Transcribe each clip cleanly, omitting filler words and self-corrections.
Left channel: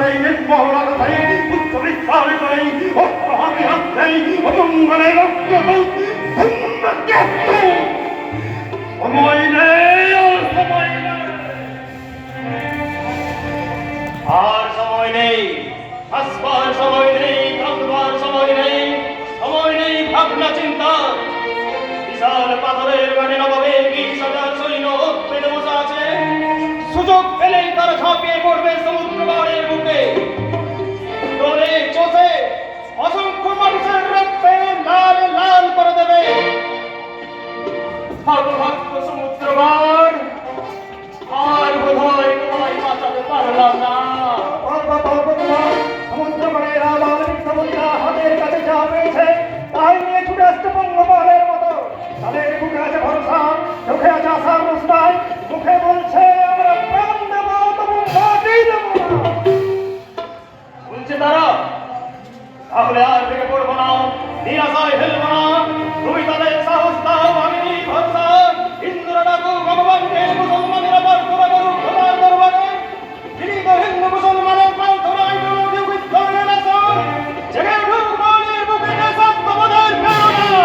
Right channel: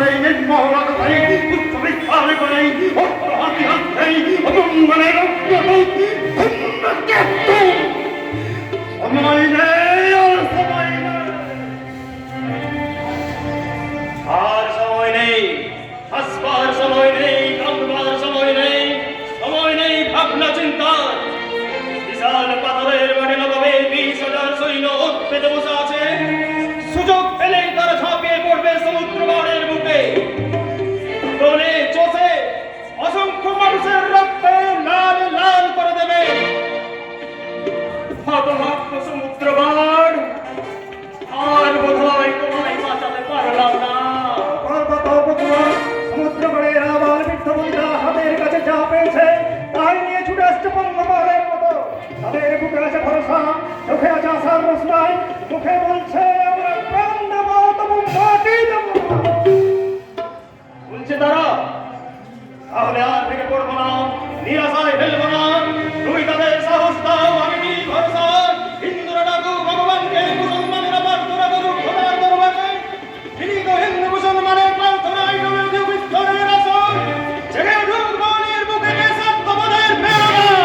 করে নির্মলা করে উচ্চ বিস্তার করে অপরাধী হত্যাই অমঙ্গলের সময় নেই আর সময় নেই আর সময় নেই আসবার সময় নেই থাকবার সময় নেই ভাবনা চিন্তা বিশাল পাথরের মানে নবাবে 20,000 সৈন্য পেতে বসে আছে সুযোগ পেলেই তারা ঝাঁপিয়ে পড়বে সমুদ্র বাড়ের বুকে দলে চষে অসংখ্য মানুষের রক্ত লাল লাল করে দেবে হতভাগ্য সমুদ্র বাড় আর বোধহয় তোমায় বাঁচাতে পারলাম না সমুদ্র বাড়ের আবার সমুদ্র হাতের কাছে যা পেয়েছে তাই নিয়ে ছুটে আসছে বঙ্গমালের মতো তাদের বুকে আছে ভরসা চোখে আছে আশার রোশনাই মুখে বলছে আমরা প্রাণ দেবো তবু মাটি দেবো শুনছে তারা তাহলে আর ভেঙে পড়বো না নিরাশায় ফেলবো না তুমি তাদের সাহস দাও আমি ভরসা হিন্দুরা ডাকু ভগবানকে মুসলমানেরা প্রার্থনা করুক খোদার দরবারে তিনি তো হিন্দু মুসলমানের প্রার্থনায় বিরোধী বিস্ফোরণের আসন জেগে ঢুক নদীর বুকে সত্যপদের প্রেরণা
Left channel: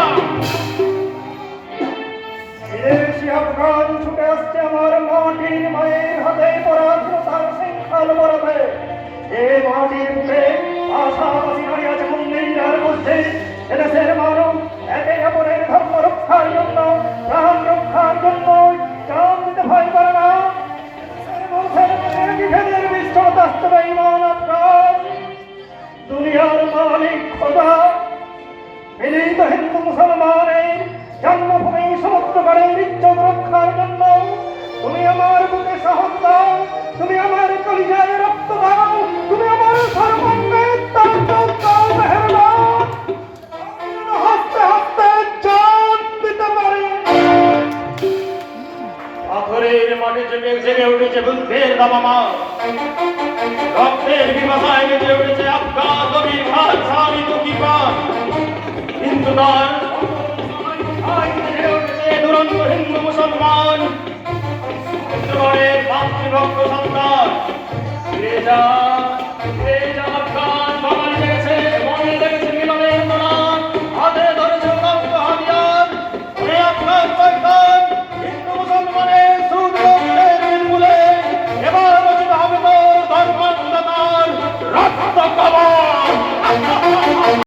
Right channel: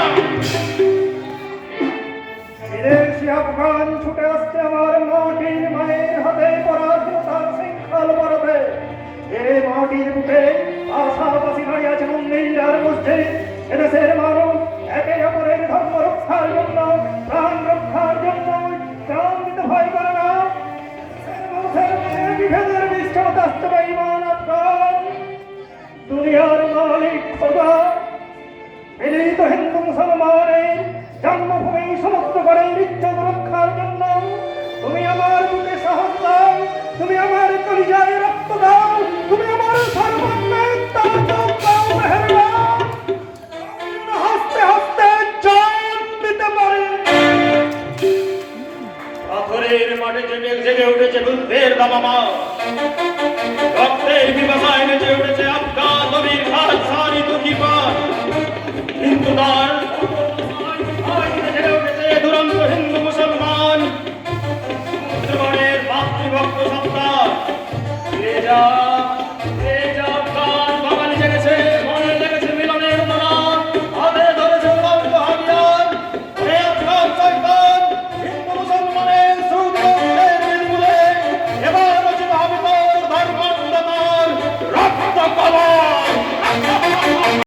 বিদেশি আফগান ছুটে আসছে আমার মাটির মায়ের হাতে পরাধীনতার শৃঙ্খল বরফে এই মাটির বুকে আশাবাসী দাঁড়িয়ে আছে মুন্দিরার মধ্যে এদেশের মানব একে অপরের ধর্ম রক্ষার জন্য প্রাণ রক্ষার জন্য প্রাণ দিতে ভয় করে না বিভেদের বিশ্বত আসতে বেঈমান আফগান দুনিয়ার মালিক খোদা মিলিত হিন্দু মুসলমানের জন্মভূমি সমস্ত গড়ের ইজ্জত রক্ষার জন্য তুমি আমার বুকে সাহস দাও তুমি আমার কলিজায় রক্ত দাও তুমি আমার সর্বত্র হাসতে হাসতে জান দিতে পারে পাথরের মাঠে জেগে উঠেছে বুদ্ধের দামামা রক্তের বিভাষায় জেগে উঠেছে আফগান নবীর খান সানি তুকিপান হিন্দু